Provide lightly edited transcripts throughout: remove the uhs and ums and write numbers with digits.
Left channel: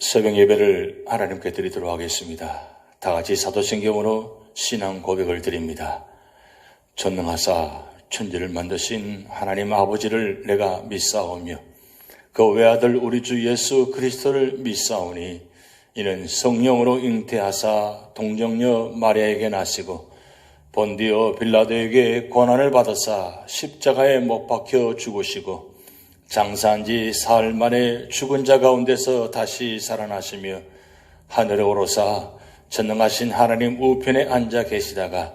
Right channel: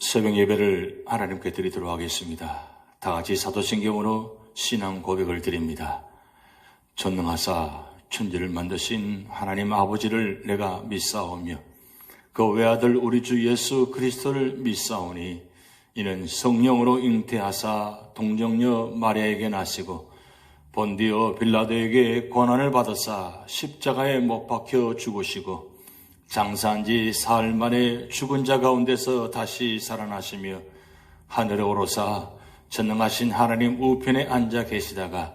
새벽 예배를 하나님께 드리도록 하겠습니다. 다 같이 사도신경으로 신앙 고백을 드립니다. 전능하사 천지를 만드신 하나님 아버지를 내가 믿사오며 그 외아들 우리 주 예수 그리스도를 믿사오니 이는 성령으로 잉태하사 동정녀 마리아에게 나시고 본디오 빌라도에게 고난을 받으사 십자가에 못 박혀 죽으시고 장사한 지 사흘 만에 죽은 자 가운데서 다시 살아나시며 하늘에 오르사 전능하신 하나님 우편에 앉아 계시다가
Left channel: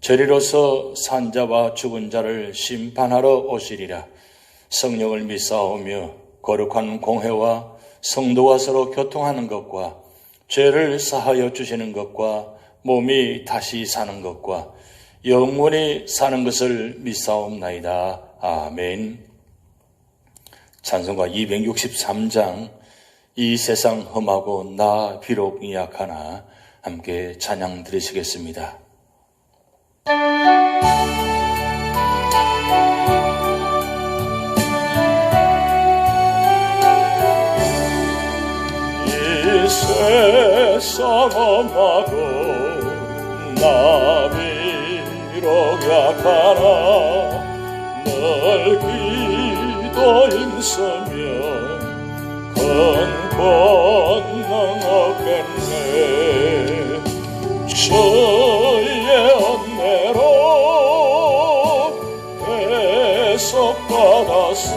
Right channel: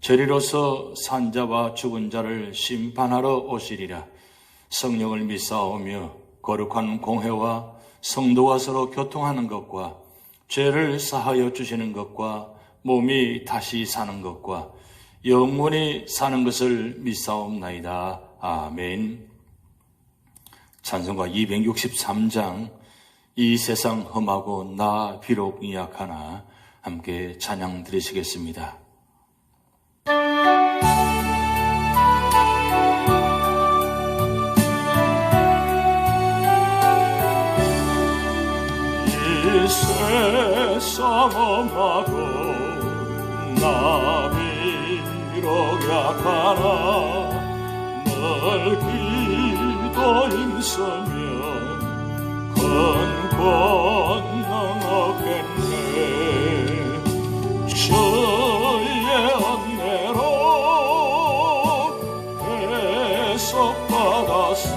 저리로서 산자와 죽은 자를 심판하러 오시리라. 성령을 믿사오며 거룩한 공회와 성도와 서로 교통하는 것과 죄를 사하여 주시는 것과 몸이 다시 사는 것과 영원히 사는 것을 믿사옵나이다. 아멘. 찬송가 263장 이 세상 험하고 나 비록 약하나 함께 찬양 드리시겠습니다. 이 세상 험하고 나 비록 약하나 널 기도 힘쓰며 큰 권능 얻겠네. 주의 은혜로 해석받아서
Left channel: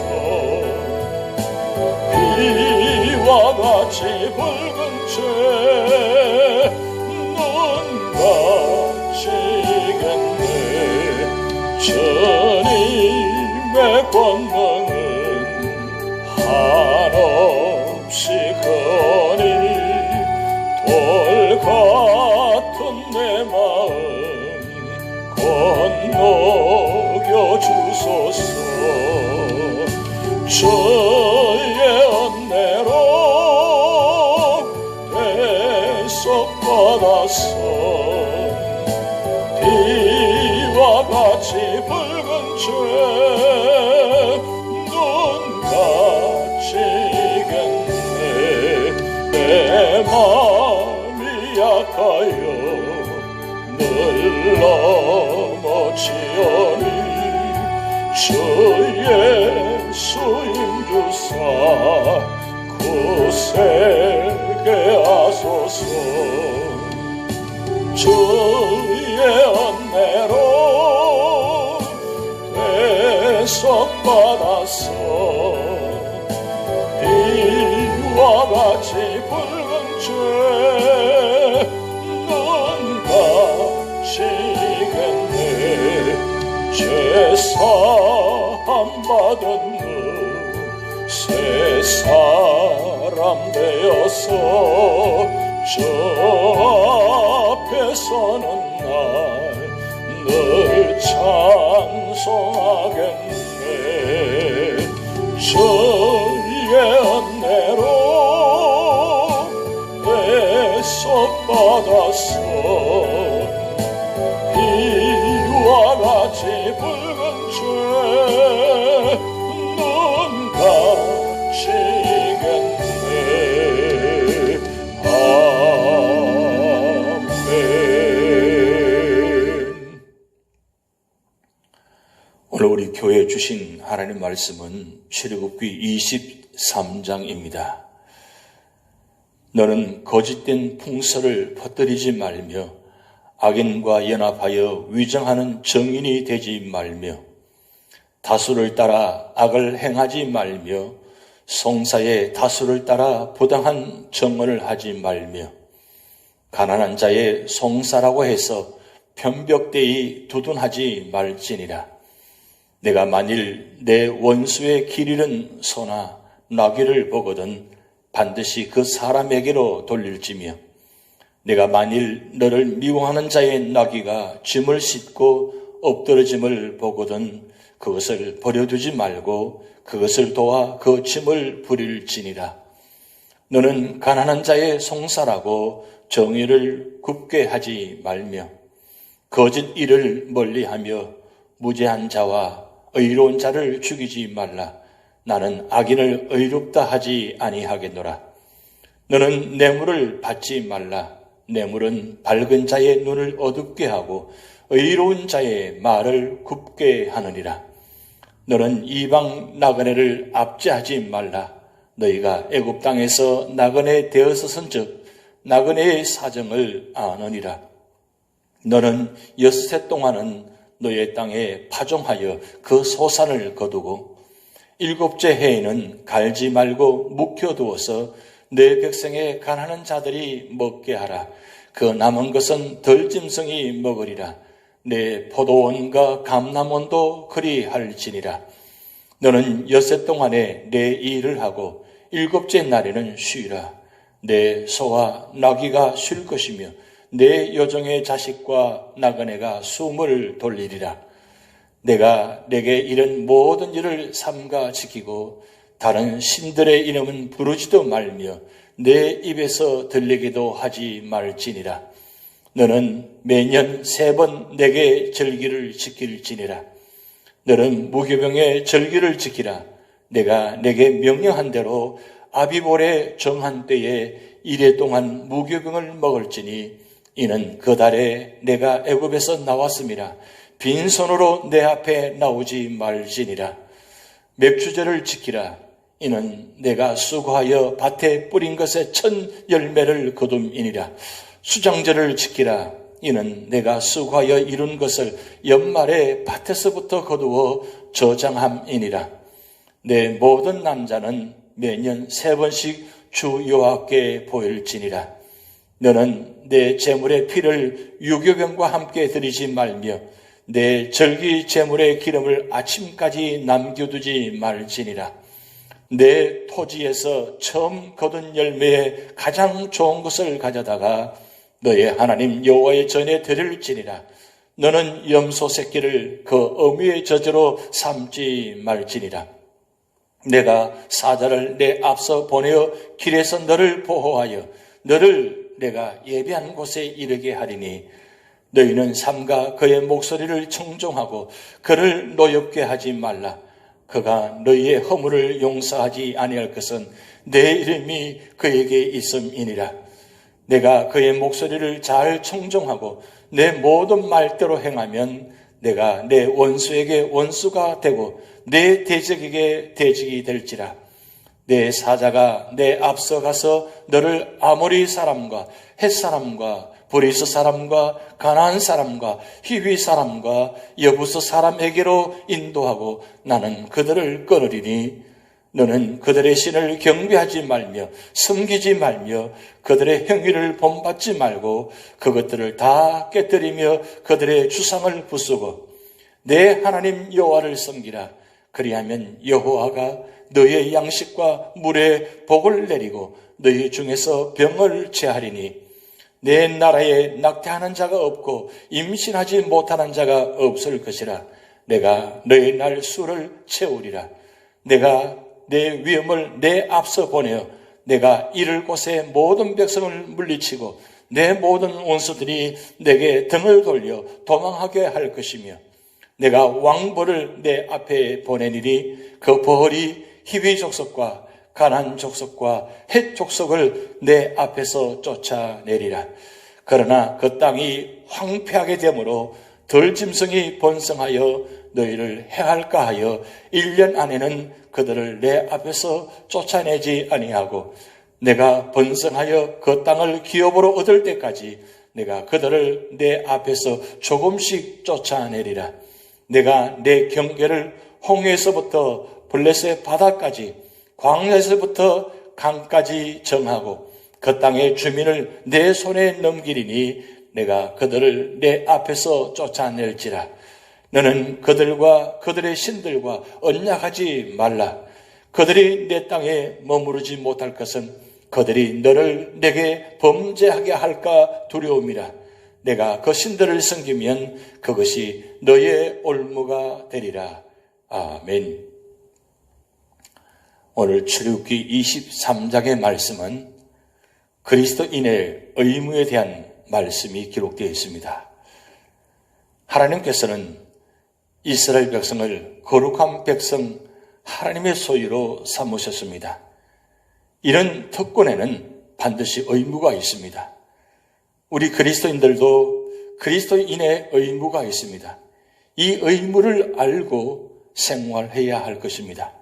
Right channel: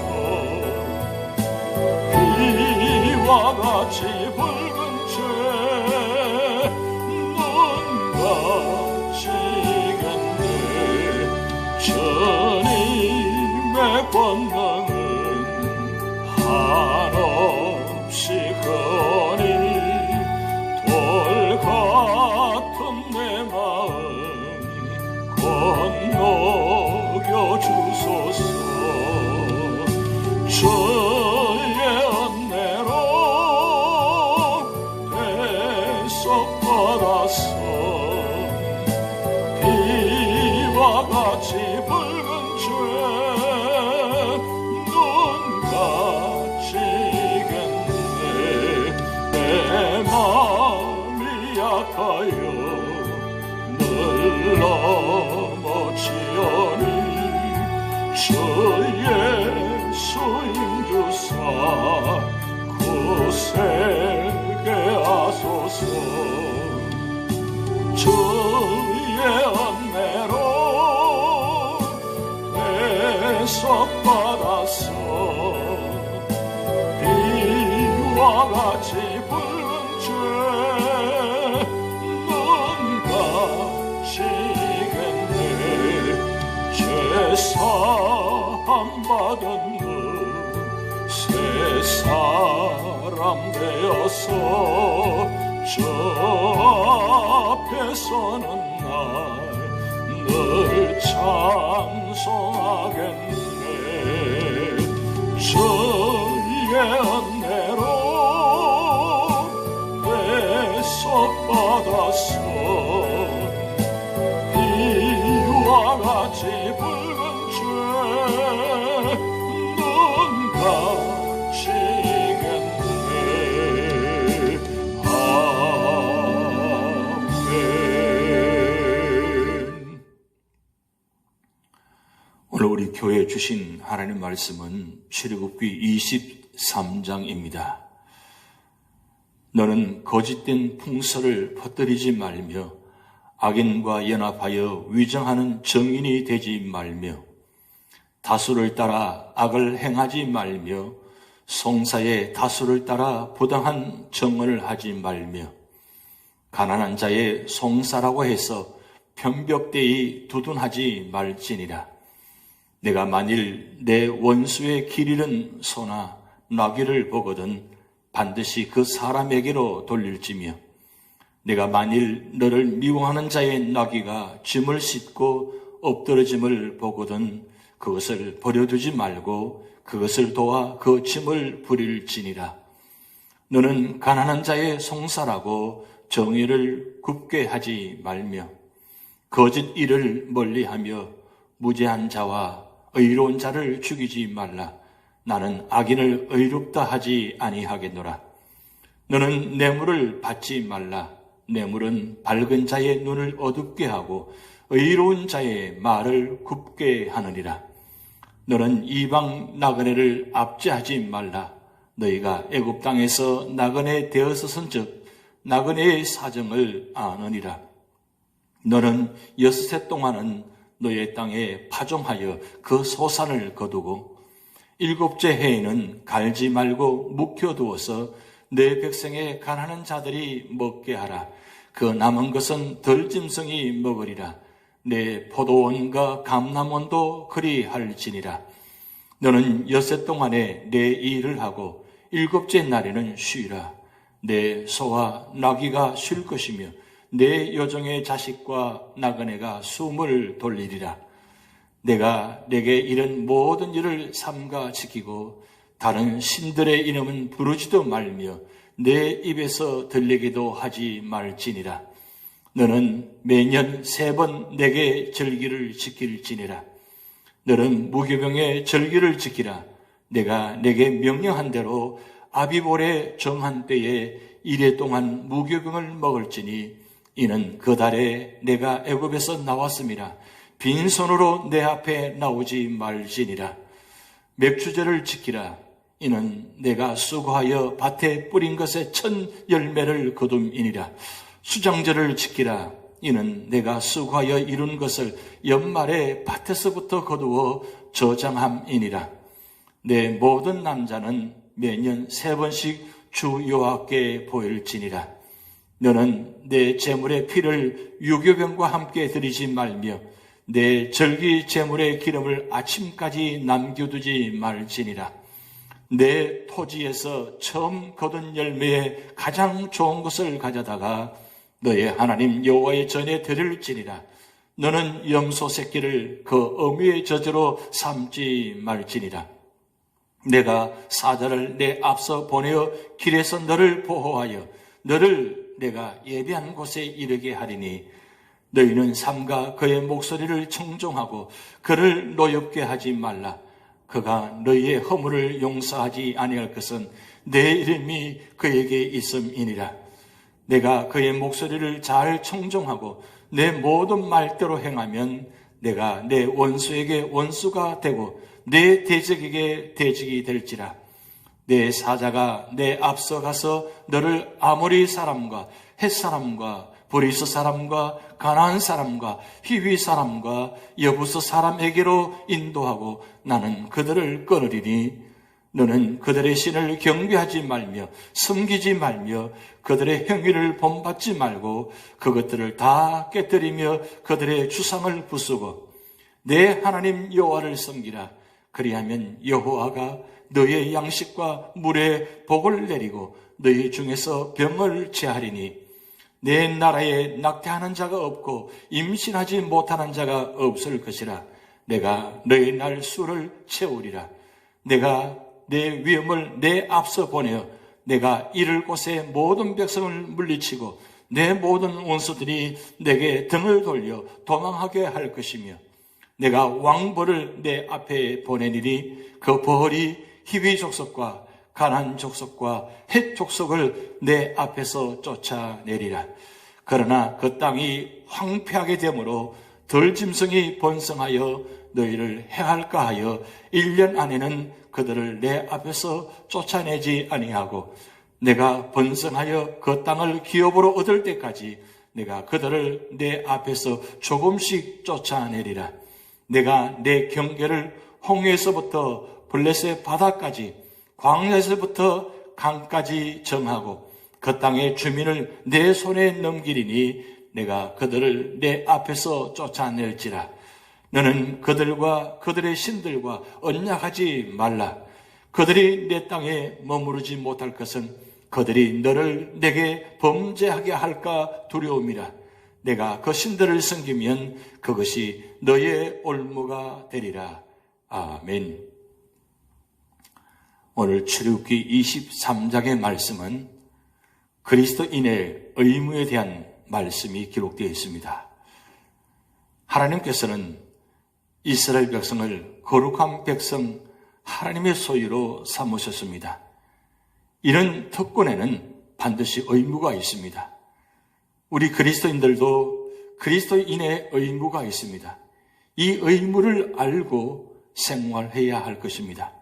비와 같이 붉은 죄 눈 감치겠네. 주님의 권능은 한없이 크니 돌 같은 내 마음 건너겨 주소서. 주의 은혜로 해석받아서 비와 같이 붉은 죄 눈 감치겠네. 내 마음이 약하여 늘 넘어지오니 주 예수 힘주사 굳세게 하소서. 주의 은혜로 해석받아서 비와 같이 붉은 죄 눈 감치겠네. 죄사함 받은 너 새 사람 되어서 저 앞에 서는 날 늘 찬송하겠네. 주의 은혜로 해석받아서 비와 같이 붉은 죄 눈 감치겠네. 아멘. 오늘 우리 교회에 주신 하나님 말씀은 출애굽기 23장입니다. 너는 거짓된 풍설을 퍼뜨리지 말며 악인과 연합하여 위정하는 정인이 되지 말며 다수를 따라 악을 행하지 말며 송사의 다수를 따라 부당한 정언을 하지 말며 가난한 자의 송사라고 해서 편벽되이 두둔하지 말지니라. 내가 만일 내 원수의 길 잃은 소나 나귀를 보거든 반드시 그 사람에게로 돌릴지며 내가 만일 너를 미워하는 자의 나귀가 짐을 싣고 엎드러짐을 보거든 그것을 버려두지 말고 그것을 도와 그 짐을 부릴지니라. 너는 가난한 자의 송사라고 정의를 굽게 하지 말며 거짓 일을 멀리하며 무죄한 자와 의로운 자를 죽이지 말라. 나는 악인을 의롭다 하지 아니하겠노라. 너는 뇌물을 받지 말라. 뇌물은 밝은 자의 눈을 어둡게 하고 의로운 자의 말을 굽게 하느니라. 너는 이방 나그네를 압제하지 말라. 너희가 애굽 땅에서 나그네 되었었은즉 나그네의 사정을 아느니라. 너는 6해 동안은 너의 땅에 파종하여 그 소산을 거두고 7째 해에는 갈지 말고 묵혀두어서 내 백성의 가난한 자들이 먹게 하라. 그 남은 것은 덜짐승이 먹으리라. 내 포도원과 감람원도 그리할지니라. 너는 6해 동안에 내 일을 하고 7째 날에는 쉬라. 내 소와 나귀가 쉴 것이며 내 여종의 자식과 나그네가 숨을 돌리리라. 내가 내게 이른 모든 일을 삼가 지키고 다른 신들의 이름은 부르지도 말며 내 입에서 들리기도 하지 말지니라. 너는 매년 3번 내게 절기를 지킬지니라. 너는 무교병의 절기를 지키라. 내가 내게 명령한 대로 아비볼의 정한 때에 1해 동안 무교병을 먹을지니 이는 그 달에 내가 애굽에서 나왔음이라. 빈손으로 내 앞에 나오지 말지니라. 맥주제를 지키라. 이는 내가 수고하여 밭에 뿌린 것의 첫 열매를 거둠이니라. 수장제를 지키라. 이는 내가 수고하여 이룬 것을 연말에 밭에서부터 거두어 저장함이니라. 내 모든 남자는 매년 3번씩 주 여호와께 보일지니라. 너는 내 제물의 피를 유교병과 함께 드리지 말며 내 절기 제물의 기름을 아침까지 남겨두지 말지니라. 내 토지에서 처음 거둔 열매에 가장 좋은 것을 가져다가 너의 하나님 여호와의 전에 드릴지니라. 너는 염소 새끼를 그 어미의 저주로 삼지 말지니라. 내가 사자를 내 앞서 보내어 길에서 너를 보호하여 너를 내가 예비한 곳에 이르게 하리니 너희는 삼가 그의 목소리를 청종하고 그를 노엽게 하지 말라. 그가 너희의 허물을 용서하지 아니할 것은 내 이름이 그에게 있음이니라. 내가 그의 목소리를 잘 청종하고 내 모든 말대로 행하면 내가 내 원수에게 원수가 되고 내 대적에게 대적이 될지라. 내 사자가 내 앞서 가서 너를 아모리 사람과 헷 사람과 브리스 사람과 가나안 사람과 히위 사람과 여부스 사람에게로 인도하고 나는 그들을 끊으리니 너는 그들의 신을 경배하지 말며 섬기지 말며 그들의 행위를 본받지 말고 그것들을 다 깨뜨리며 그들의 주상을 부수고 내 하나님 여호와를 섬기라. 그리하면 여호와가 너의 양식과 물에 복을 내리고 너희 중에서 병을 제하리니 내 나라에 낙태하는 자가 없고 임신하지 못하는 자가 없을 것이라. 내가 너희 날 수를 채우리라. 내가 내 위엄을 내 앞서 보내어 내가 이를 곳에 모든 백성을 물리치고 내 모든 원수들이 내게 등을 돌려 도망하게 할 것이며 내가 왕벌을 내 앞에 보내니니 그 벌이 히위 족속과 가나안 족속과 헷 족속을 내 앞에서 쫓아내리라. 그러나 그 땅이 황폐하게 되므로 덜짐승이 번성하여 너희를 해할까 하여 1년 안에는 그들을 내 앞에서 쫓아내지 아니하고 내가 번성하여 그 땅을 기업으로 얻을 때까지 내가 그들을 내 앞에서 조금씩 쫓아내리라. 내가 내 경계를 홍해에서부터 블레셋 바다까지 광야에서부터 강까지 정하고 그 땅의 주민을 내 손에 넘기리니 내가 그들을 내 앞에서 쫓아낼지라. 너는 그들과 그들의 신들과 언약하지 말라. 그들이 내 땅에 머무르지 못할 것은 그들이 너를 내게 범죄하게 할까 두려움이라. 내가 그 신들을 섬기면 그것이 너의 올무가 되리라. 아멘. 오늘 출애굽기 23장의 말씀은 그리스도인의 의무에 대한 말씀이 기록되어 있습니다. 하나님께서는 이스라엘 백성을 거룩한 백성 하나님의 소유로 삼으셨습니다. 이런 특권에는 반드시 의무가 있습니다. 우리 그리스도인들도 그리스도인의 의무가 있습니다. 이 의무를 알고 생활해야 할 것입니다.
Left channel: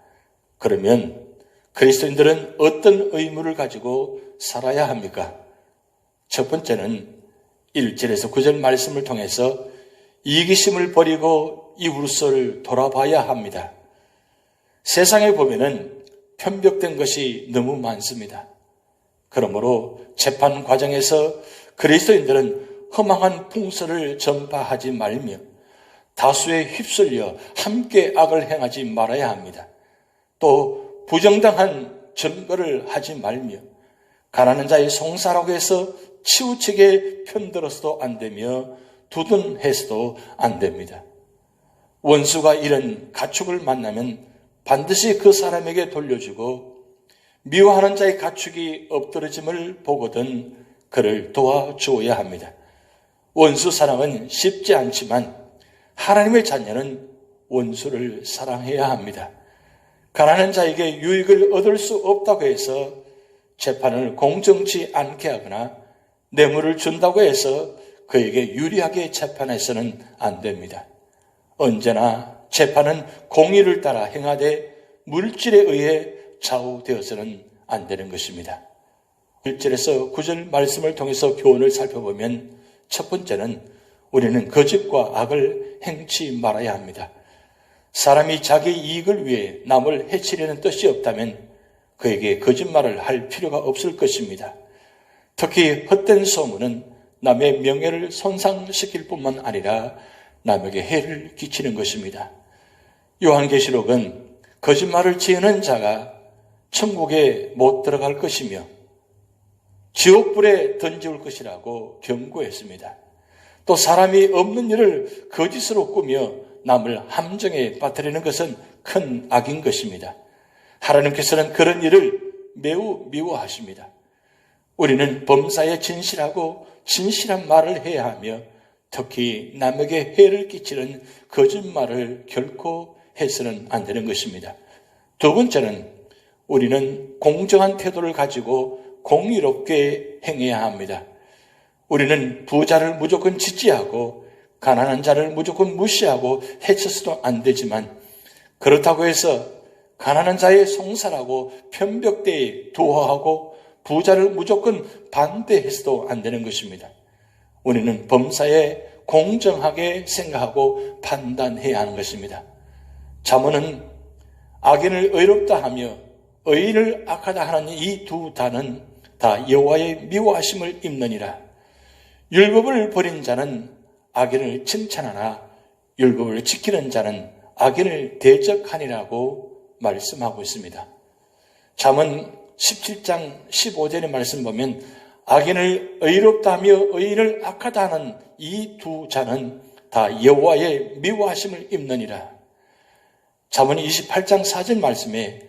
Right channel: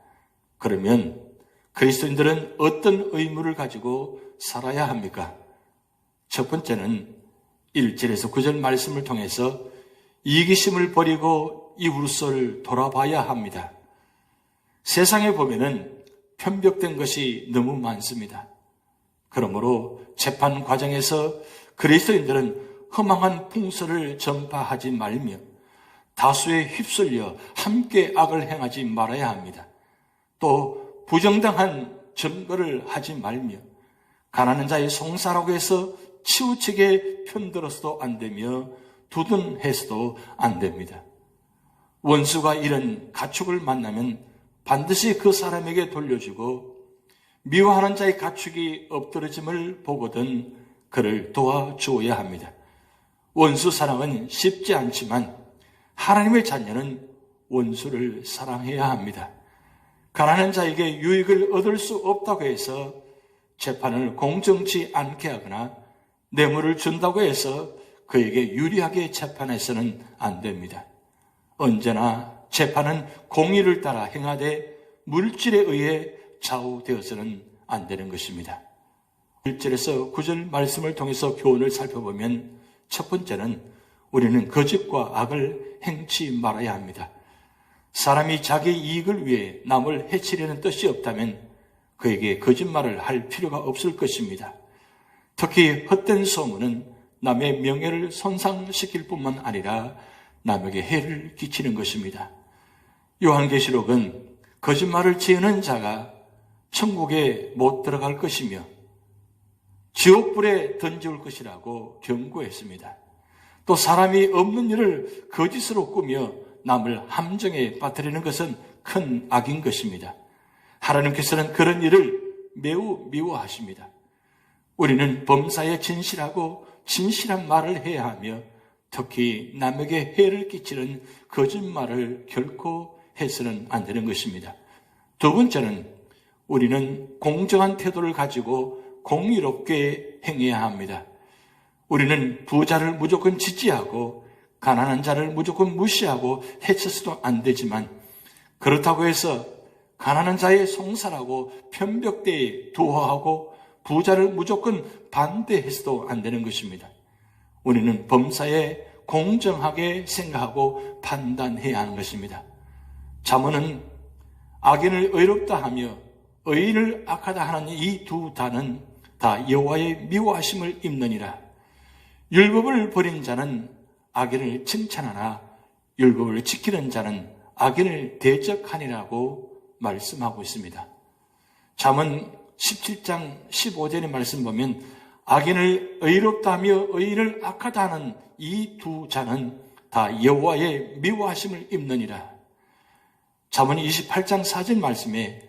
그러면 그리스도인들은 어떤 의무를 가지고 살아야 합니까? 첫 번째는 1절에서 9절 말씀을 통해서 이기심을 버리고 이웃을 돌아봐야 합니다. 세상에 보면은 편벽된 것이 너무 많습니다. 그러므로 재판 과정에서 그리스도인들은 허망한 풍설을 전파하지 말며 다수에 휩쓸려 함께 악을 행하지 말아야 합니다. 또 부정당한 증거를 하지 말며 가난한 자의 송사라고 해서 치우치게 편들어서도 안 되며 두둔해서도 안 됩니다. 원수가 이런 가축을 만나면 반드시 그 사람에게 돌려주고 미워하는 자의 가축이 엎드러짐을 보거든 그를 도와주어야 합니다. 원수 사랑은 쉽지 않지만 하나님의 자녀는 원수를 사랑해야 합니다. 가난한 자에게 유익을 얻을 수 없다고 해서 재판을 공정치 않게 하거나 뇌물을 준다고 해서 그에게 유리하게 재판해서는 안 됩니다. 언제나 재판은 공의를 따라 행하되 물질에 의해 좌우되어서는 안 되는 것입니다. 1절에서 9절 말씀을 통해서 교훈을 살펴보면 첫 번째는 우리는 거짓과 악을 행치 말아야 합니다. 사람이 자기 이익을 위해 남을 해치려는 뜻이 없다면 그에게 거짓말을 할 필요가 없을 것입니다. 특히 헛된 소문은 남의 명예를 손상시킬 뿐만 아니라 남에게 해를 끼치는 것입니다. 요한계시록은 거짓말을 지으는 자가 천국에 못 들어갈 것이며 지옥불에 던지올 것이라고 경고했습니다. 또 사람이 없는 일을 거짓으로 꾸며 남을 함정에 빠뜨리는 것은 큰 악인 것입니다. 하나님께서는 그런 일을 매우 미워하십니다. 우리는 범사에 진실하고 진실한 말을 해야 하며 특히 남에게 해를 끼치는 거짓말을 결코 해서는 안 되는 것입니다. 두 번째는 우리는 공정한 태도를 가지고 공의롭게 행해야 합니다. 우리는 부자를 무조건 지지하고 가난한 자를 무조건 무시하고 해쳐서도 안 되지만 그렇다고 해서 가난한 자의 송사라고 편벽대에 두어하고 부자를 무조건 반대해서도 안 되는 것입니다. 우리는 범사에 공정하게 생각하고 판단해야 하는 것입니다. 잠언은 악인을 의롭다 하며 의인을 악하다 하는 이 두 단은 다 여호와의 미워하심을 입느니라. 율법을 버린 자는 악인을 칭찬하나 율법을 지키는 자는 악인을 대적하니라고 말씀하고 있습니다. 잠언 17장 15절의 말씀 보면 악인을 의롭다 하며 의인을 악하다 하는 이 두 자는 다 여호와의 미워하심을 입느니라. 잠언 28장 4절 말씀에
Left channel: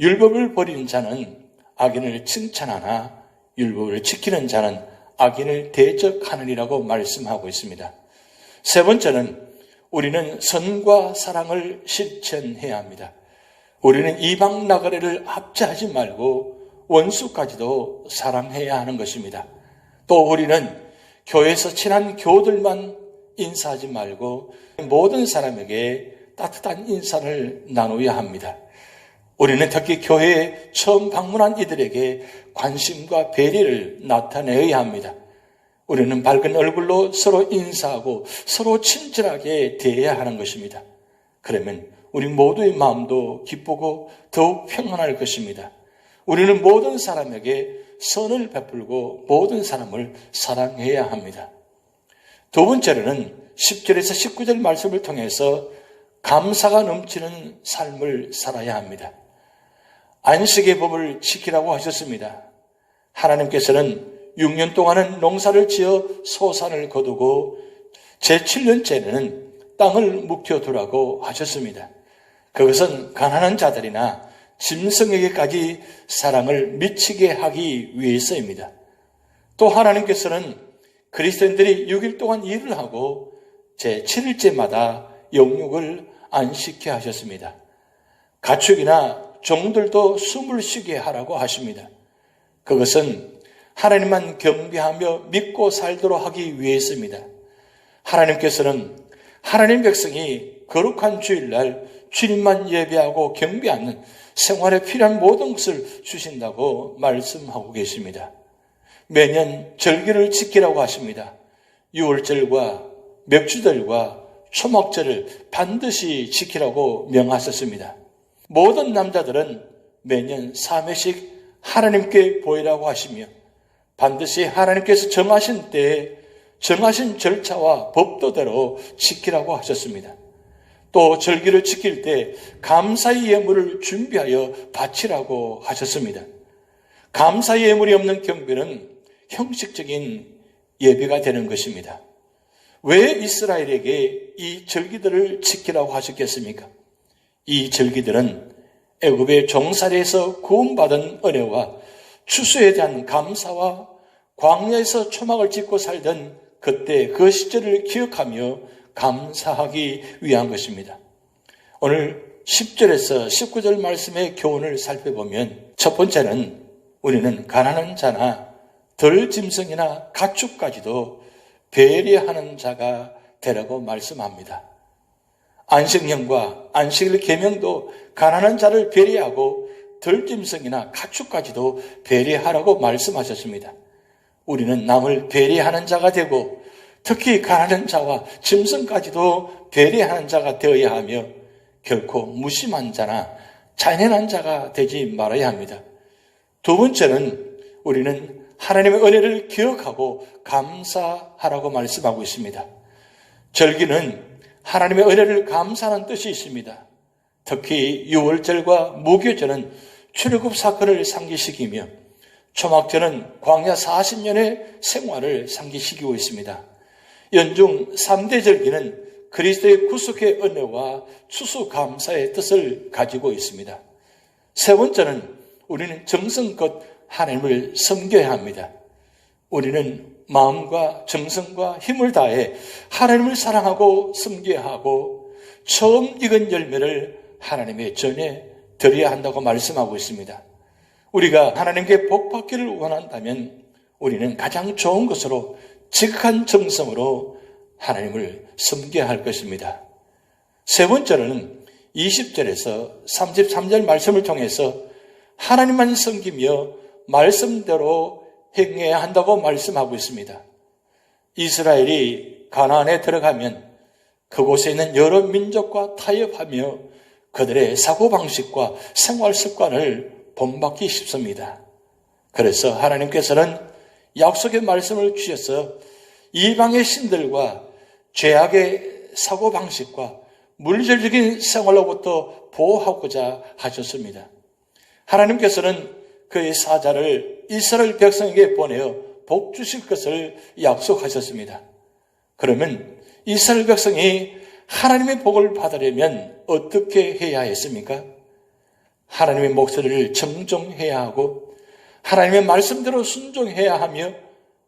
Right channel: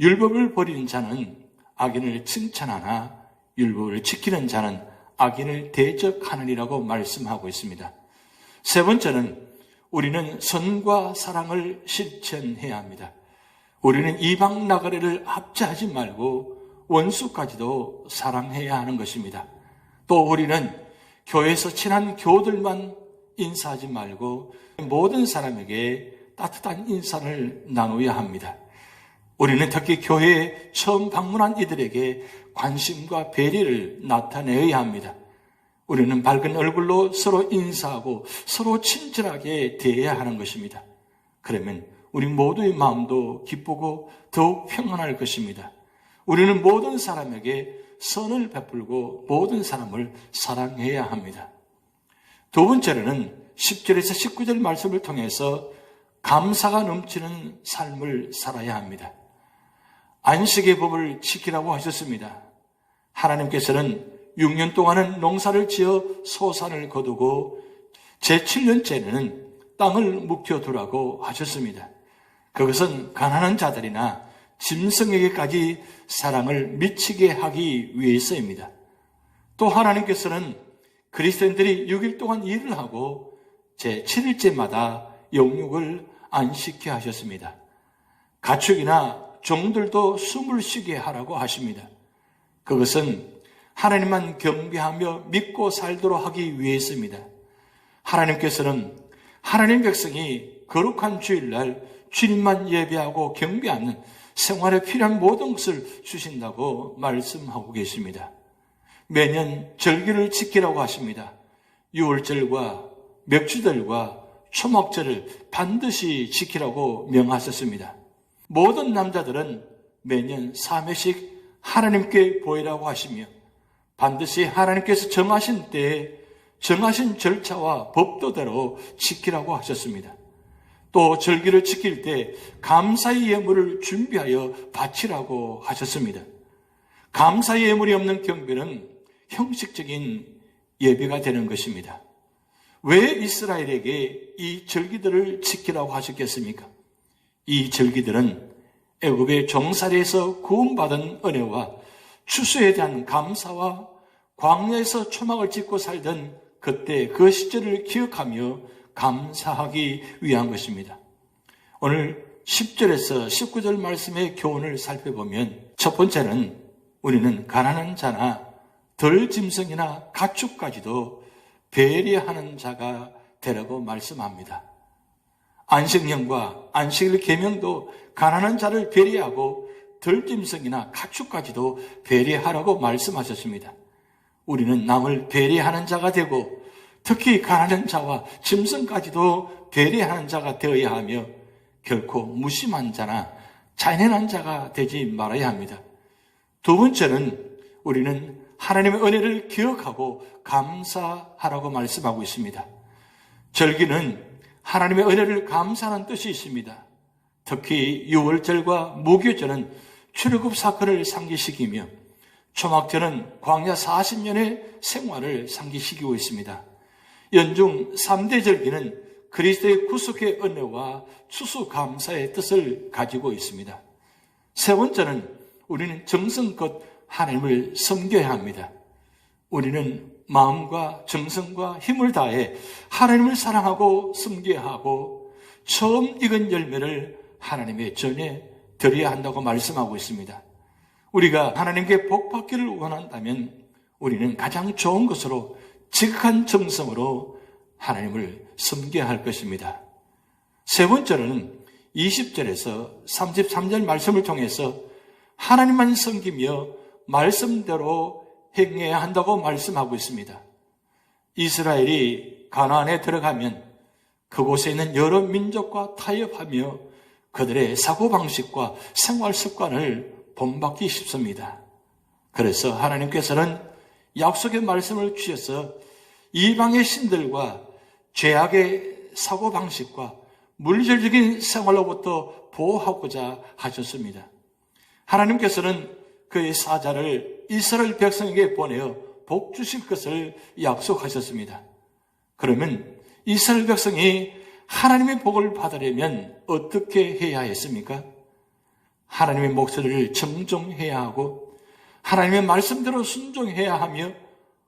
율법을 버리는 자는 악인을 칭찬하나 율법을 지키는 자는 악인을 대적하느니라고 말씀하고 있습니다. 세 번째는 우리는 선과 사랑을 실천해야 합니다. 우리는 이방 나그네를 압제하지 말고 원수까지도 사랑해야 하는 것입니다. 또 우리는 교회에서 친한 교우들만 인사하지 말고 모든 사람에게 따뜻한 인사를 나누어야 합니다. 우리는 특히 교회에 처음 방문한 이들에게 관심과 배려를 나타내야 합니다. 우리는 밝은 얼굴로 서로 인사하고 서로 친절하게 대해야 하는 것입니다. 그러면 우리 모두의 마음도 기쁘고 더욱 평안할 것입니다. 우리는 모든 사람에게 선을 베풀고 모든 사람을 사랑해야 합니다. 두 번째로는 10절에서 19절 말씀을 통해서 감사가 넘치는 삶을 살아야 합니다. 안식의 법을 지키라고 하셨습니다. 하나님께서는 6년 동안은 농사를 지어 소산을 거두고 제7년째는 땅을 묵혀두라고 하셨습니다. 그것은 가난한 자들이나 짐승에게까지 사랑을 미치게 하기 위해서입니다. 또 하나님께서는 그리스도인들이 6일 동안 일을 하고 제7일째마다 영육을 안식케 하셨습니다. 가축이나 종들도 숨을 쉬게 하라고 하십니다. 그것은 하나님만 경배하며 믿고 살도록 하기 위해서입니다. 하나님께서는 하나님 백성이 거룩한 주일날 주님만 예배하고 경배하는 생활에 필요한 모든 것을 주신다고 말씀하고 계십니다. 매년 절기를 지키라고 하십니다. 유월절과 맥주절과 초막절을 반드시 지키라고 명하셨습니다. 모든 남자들은 매년 3회씩 하나님께 보이라고 하시며 반드시 하나님께서 정하신 때에 정하신 절차와 법도대로 지키라고 하셨습니다. 또 절기를 지킬 때 감사의 예물을 준비하여 바치라고 하셨습니다. 감사의 예물이 없는 경배는 형식적인 예배가 되는 것입니다. 왜 이스라엘에게 이 절기들을 지키라고 하셨겠습니까? 이 절기들은 애굽의 종살이에서 구원받은 은혜와 추수에 대한 감사와 광야에서 초막을 짓고 살던 그때 그 시절을 기억하며 감사하기 위한 것입니다. 오늘 10절에서 19절 말씀의 교훈을 살펴보면 첫 번째는 우리는 가난한 자나 덜 짐승이나 가축까지도 배려하는 자가 되라고 말씀합니다. 안식년과 안식일 계명도 가난한 자를 배려하고 덜 짐승이나 가축까지도 배려하라고 말씀하셨습니다. 우리는 남을 배려하는 자가 되고 특히 가난한 자와 짐승까지도 배려하는 자가 되어야 하며 결코 무심한 자나 잔인한 자가 되지 말아야 합니다. 두 번째는 우리는 하나님의 은혜를 기억하고 감사하라고 말씀하고 있습니다. 절기는 하나님의 은혜를 감사하는 뜻이 있습니다. 특히 유월절과 무교절은 출애굽 사건을 상기시키며 초막절은 광야 40년의 생활을 상기시키고 있습니다. 연중 3대 절기는 그리스도의 구속의 은혜와 추수감사의 뜻을 가지고 있습니다. 세 번째는 우리는 정성껏 하나님을 섬겨야 합니다. 우리는 마음과 정성과 힘을 다해 하나님을 사랑하고 섬겨야 하고 처음 익은 열매를 하나님의 전에 드려야 한다고 말씀하고 있습니다. 우리가 하나님께 복받기를 원한다면 우리는 가장 좋은 것으로 지극한 정성으로 하나님을 섬겨야 할 것입니다. 세 번째는 20절에서 33절 말씀을 통해서 하나님만 섬기며 말씀대로 행해야 한다고 말씀하고 있습니다. 이스라엘이 가나안에 들어가면 그곳에 있는 여러 민족과 타협하며 그들의 사고방식과 생활 습관을 본받기 쉽습니다. 그래서 하나님께서는 약속의 말씀을 주셔서 이방의 신들과 죄악의 사고방식과 물질적인 생활로부터 보호하고자 하셨습니다. 하나님께서는 그의 사자를 이스라엘 백성에게 보내어 복 주실 것을 약속하셨습니다. 그러면 이스라엘 백성이 하나님의 복을 받으려면 어떻게 해야 했습니까? 하나님의 목소리를 정정해야 하고 하나님의 말씀대로 순종해야 하며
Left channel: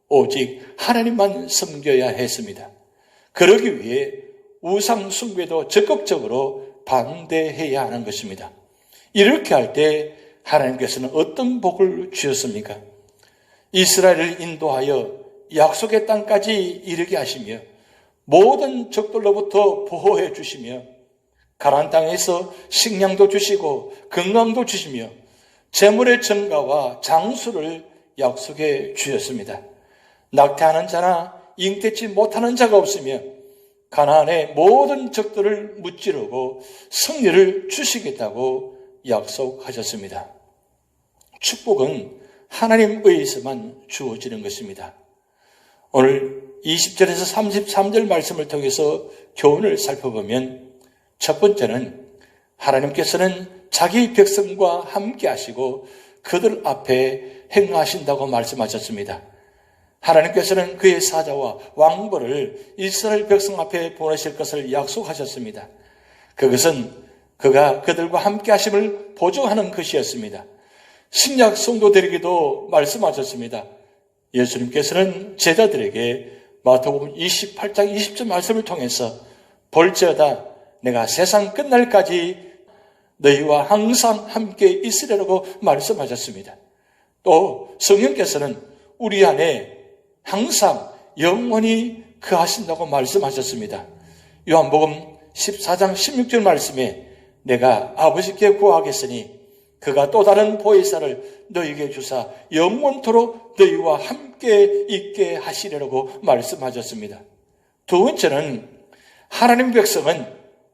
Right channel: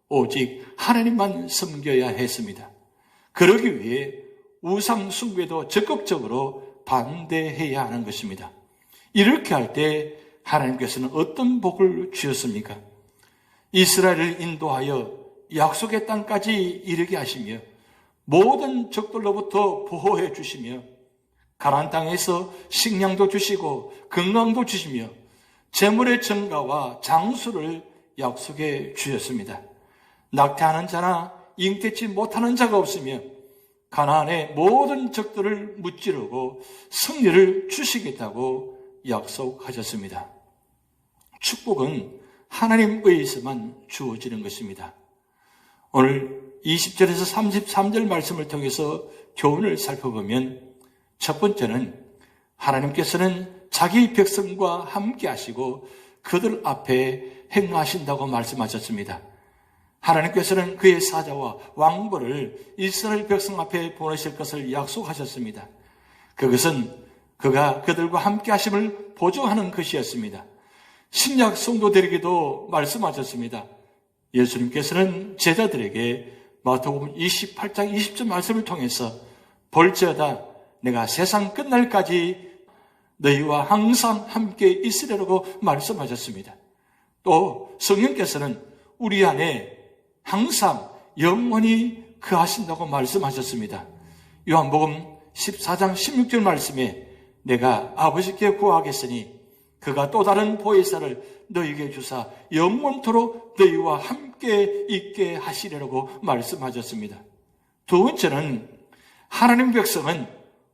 오직 하나님만 섬겨야 했습니다. 그러기 위해 우상 숭배도 적극적으로 반대해야 하는 것입니다. 이렇게 할 때 하나님께서는 어떤 복을 주셨습니까? 이스라엘을 인도하여 약속의 땅까지 이르게 하시며 모든 적들로부터 보호해 주시며 가나안 땅에서 식량도 주시고 건강도 주시며 재물의 증가와 장수를 약속해 주셨습니다. 낙태하는 자나 잉태치 못하는 자가 없으며 가나안의 모든 적들을 무찌르고 승리를 주시겠다고 약속하셨습니다. 축복은 하나님 의해서만 주어지는 것입니다. 오늘 20절에서 33절 말씀을 통해서 교훈을 살펴보면 첫 번째는 하나님께서는 자기 백성과 함께 하시고 그들 앞에 행하신다고 말씀하셨습니다. 하나님께서는 그의 사자와 왕벌을 이스라엘 백성 앞에 보내실 것을 약속하셨습니다. 그것은 그가 그들과 함께 하심을 보조하는 것이었습니다. 신약 성도들에게도 말씀하셨습니다. 예수님께서는 제자들에게 마태복음 28장 20절 말씀을 통해서 볼지어다 내가 세상 끝날까지 너희와 항상 함께 있으리라고 말씀하셨습니다. 또 성령께서는 우리 안에 항상 영원히 거하신다고 말씀하셨습니다. 요한복음 14장 16절 말씀에 내가 아버지께 구하겠으니 그가 또 다른 보혜사를 너희에게 주사 영원토록 너희와 함께 있게 하시리라고 말씀하셨습니다. 두 번째는 하나님 백성은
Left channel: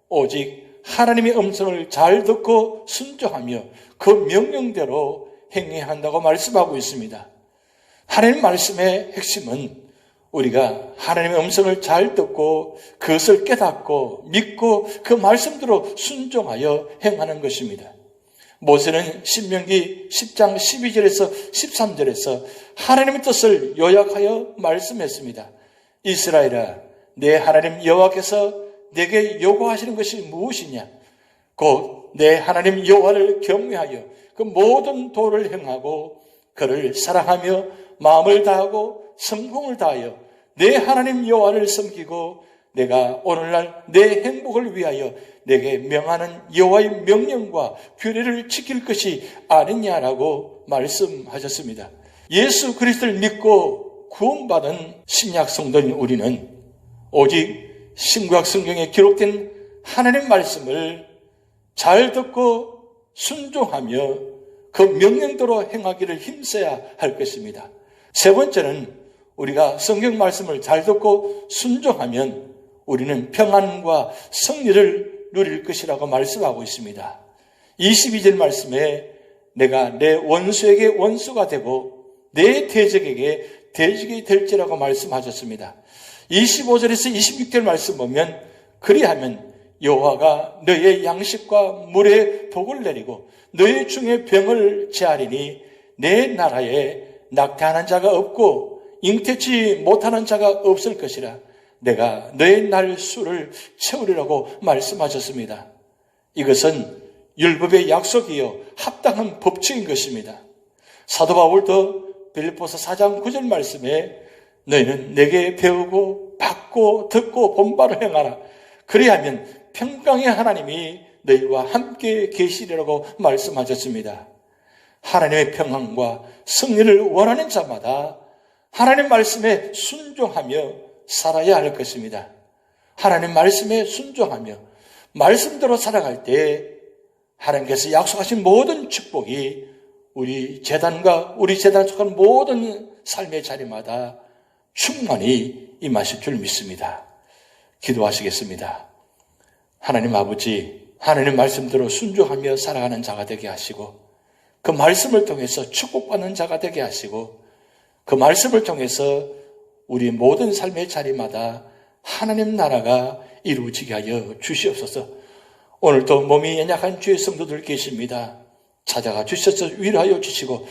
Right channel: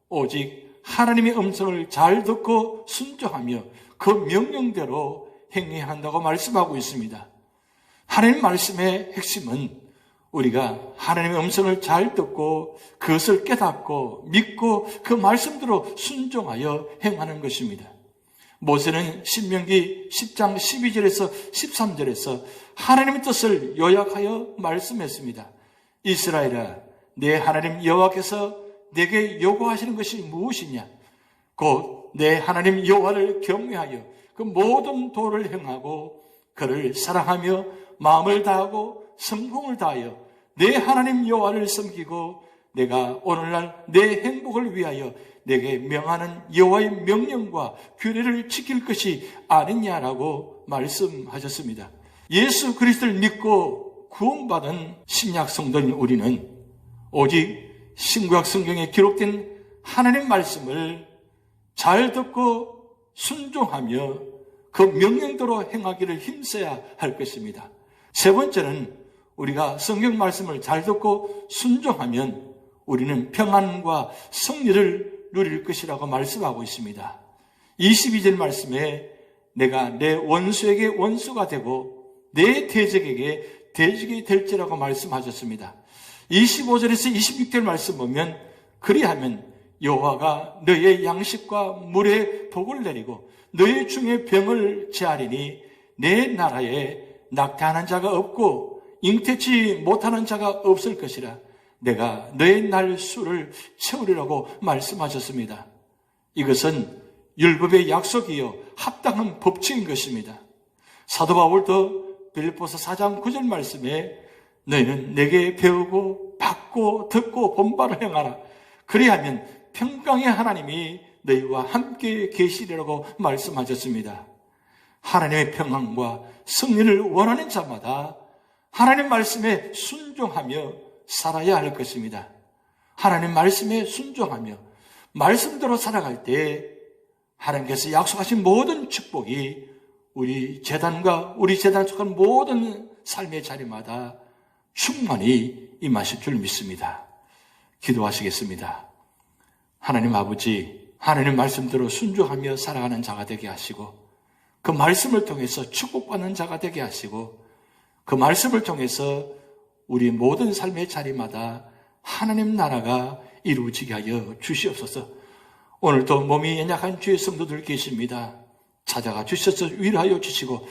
오직 하나님의 음성을 잘 듣고 순종하며 그 명령대로 행해야 한다고 말씀하고 있습니다. 하나님 말씀의 핵심은 우리가 하나님의 음성을 잘 듣고 그것을 깨닫고 믿고 그 말씀대로 순종하여 행하는 것입니다. 모세는 신명기 10장 12절에서 13절에서 하나님의 뜻을 요약하여 말씀했습니다. 이스라엘아, 내 하나님 여호와께서 내게 요구하시는 것이 무엇이냐? 곧 내 하나님 여호와를 경외하여 그 모든 도를 행하고 그를 사랑하며 마음을 다하고 성공을 다하여 내 하나님 여호와를 섬기고 내가 오늘날 내 행복을 위하여 내게 명하는 여호와의 명령과 규례를 지킬 것이 아니냐라고 말씀하셨습니다. 예수 그리스도를 믿고 구원받은 신약 성도인 우리는 오직 신구약 성경에 기록된 하나님 말씀을 잘 듣고 순종하며 그 명령대로 행하기를 힘써야 할 것입니다. 세 번째는 우리가 성경 말씀을 잘 듣고 순종하면 우리는 평안과 승리를 누릴 것이라고 말씀하고 있습니다. 22절 말씀에 내가 내 원수에게 원수가 되고 내 대적에게 대적이 될지라고 말씀하셨습니다. 25절에서 26절 말씀 보면 그리하면 여호와가 너의 양식과 물에 복을 내리고 너의 중에 병을 제하리니 내 나라에 낙태하는 자가 없고 잉태치 못하는 자가 없을 것이라. 내가 너의 날 수를 채우리라고 말씀하셨습니다. 이것은 율법의 약속이요 합당한 법칙인 것입니다. 사도 바울도 빌립보서 4장 9절 말씀에 너희는 내게 배우고 받고 듣고 본바를 행하라. 그리하면 평강의 하나님이 너희와 함께 계시리라고 말씀하셨습니다. 하나님의 평강과 승리를 원하는 자마다 하나님 말씀에 순종하며 살아야 할 것입니다. 하나님 말씀에 순종하며 말씀대로 살아갈 때 하나님께서 약속하신 모든 축복이 우리 재단과 우리 재단에 속한 모든 삶의 자리마다 충만히 임하실 줄 믿습니다. 기도하시겠습니다. 하나님 아버지, 하나님 말씀대로 순종하며 살아가는 자가 되게 하시고 그 말씀을 통해서 축복받는 자가 되게 하시고 그 말씀을 통해서 우리 모든 삶의 자리마다 하나님 나라가 이루어지게 하여 주시옵소서. 오늘도 몸이 연약한 주의 성도들 계십니다. 찾아가 주셔서 위로하여 주시고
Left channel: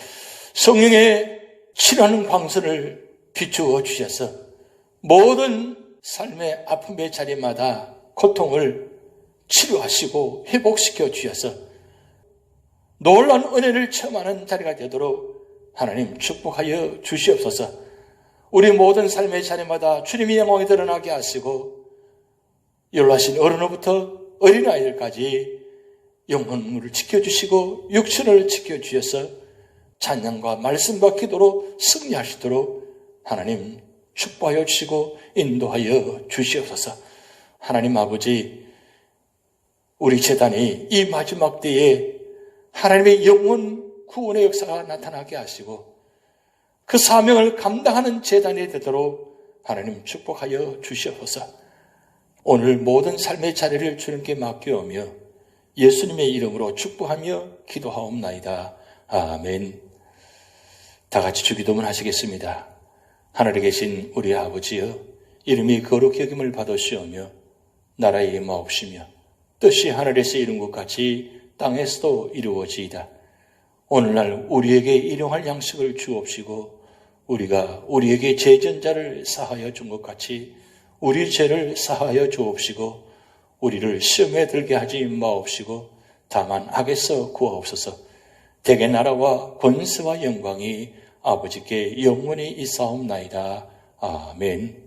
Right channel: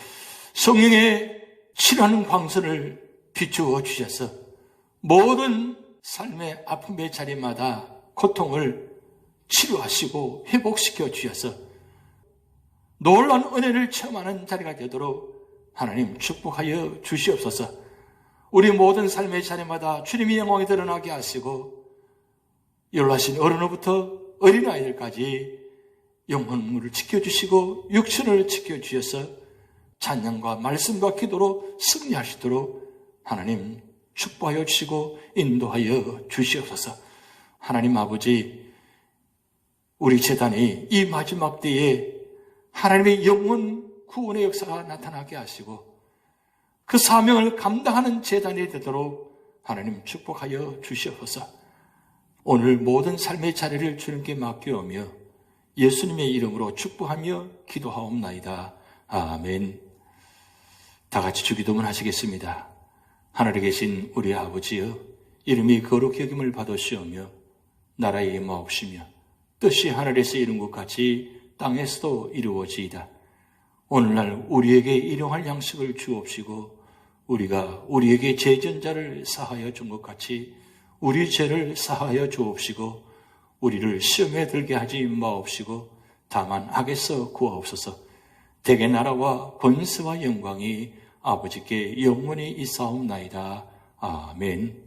성령의 치료하는 광선을 비추어 주셔서 모든 삶의 아픔의 자리마다 고통을 치료하시고 회복시켜 주셔서 놀라운 은혜를 체험하는 자리가 되도록 하나님 축복하여 주시옵소서. 우리 모든 삶의 자리마다 주님의 영광이 드러나게 하시고 연로하신 어른으로부터 어린아이들까지 영혼을 지켜주시고 육신을 지켜주셔서 찬양과 말씀과 기도로 승리하시도록 하나님 축복하여 주시고 인도하여 주시옵소서. 하나님 아버지, 우리 재단이 이 마지막 때에 하나님의 영원 구원의 역사가 나타나게 하시고 그 사명을 감당하는 재단이 되도록 하나님 축복하여 주시옵소서. 오늘 모든 삶의 자리를 주님께 맡겨오며 예수님의 이름으로 축복하며 기도하옵나이다. 아멘. 다 같이 주기도문 하시겠습니다. 하늘에 계신 우리 아버지여, 이름이 거룩히 여김을 받으시오며 나라의 임하옵시며 뜻이 하늘에서 이룬 것 같이 땅에서도 이루어지이다. 오늘날 우리에게 일용할 양식을 주옵시고 우리가 우리에게 죄전자를 사하여 준 것 같이 우리 죄를 사하여 주옵시고 우리를 시험에 들게 하지 마옵시고 다만 악에서 구하옵소서. 대개 나라와 권세와 영광이 아버지께 영원히 있사옵나이다. 아멘.